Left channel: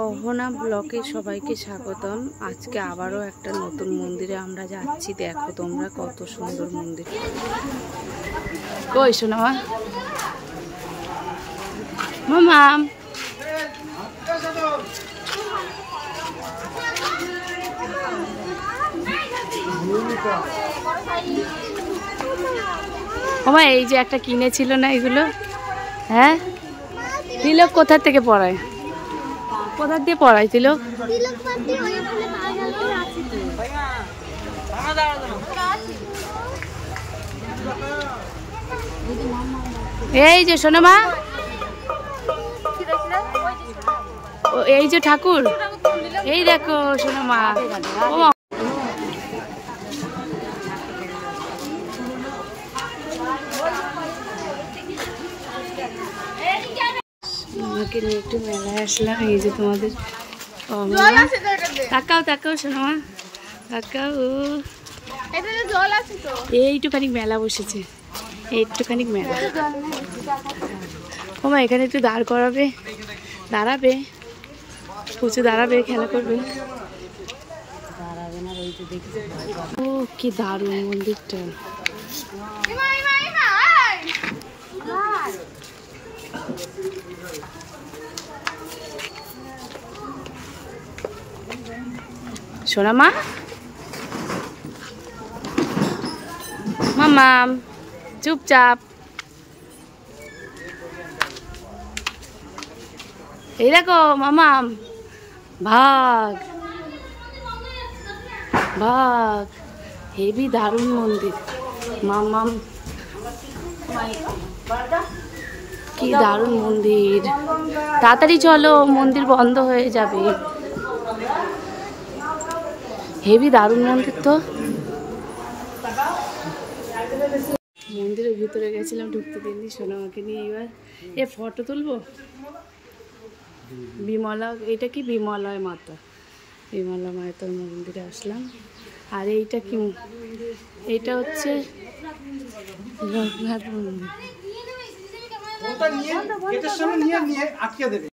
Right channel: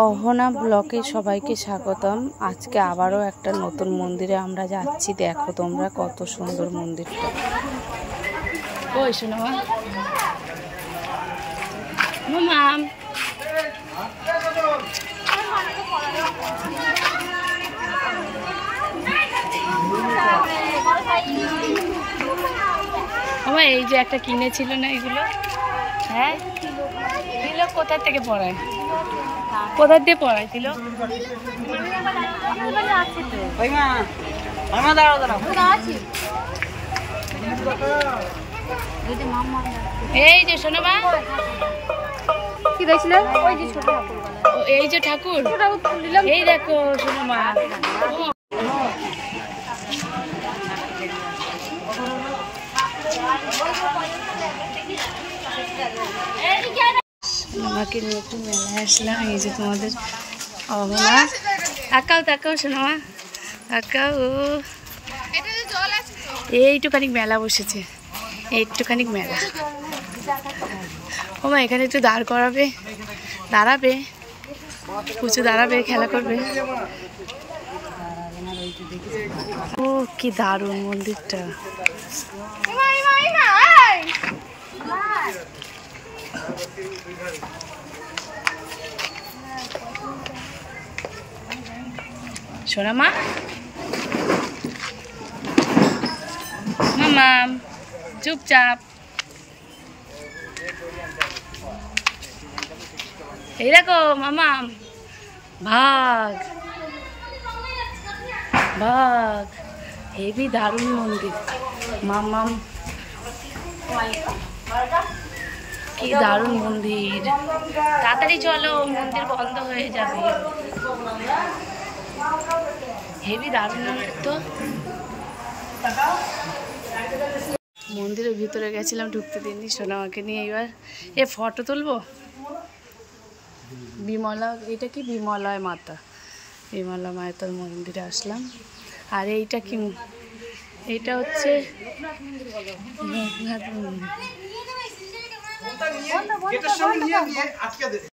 অহনা ব্লকে সবাইকে স্বাগতম। আজকে আবারও একটা নতুন মন্দিরে আমরা যাচ্ছি। দেখো তোমরা কত সুন্দর মন্দিরটা। কই শোনো মামাম, ওমা এই যে একটা কিনেছিল না এগুলো, হ্যাঁ তিলক কোথা থেকে পড়ায়, কোথা দিয়ে পড়ায় তিলক? এই যে শোনো মা, এই যে ঠাকুর, এই দেখো শোনো মা। আমাকে নিয়ে একটু মেলায় আসলাম। এই যে তোমাদের অহনা, তাকাও তাকাও শোনো মা, তাকাও। এইটুখানি মেলা বসেছে, এইটুখানি মেলা। ও মা এখানে একটু দাঁড় করাবে, দাঁড়াবে পুচু, দাঁড়াবে খেলা করবে। ও কি দারুণ মন্দিরটা। শোনা মা, মামাম চুপচাপ। এই দেখো মামাম, ভাগ ভাগ, হেভি দারুণ মন্দির। মামাম কি দারুণ মন্দির, তাড়াতাড়ি চলো মন্দির বন্ধ হয়ে যাবে। হেভি দারুণ মন্দির তো। মন্দিরের ভিতরে গেছিলাম, ঢুকতে দিনই সোনামাকে নিয়ে। এবার এ ফটো তুলবো। বিমলা, এটা কি বিমলায় মাতা, বিমলা মাতার মন্দিরে আসলাম। আর এইটা কি, এইটা হচ্ছে লোকনাথ মন্দির।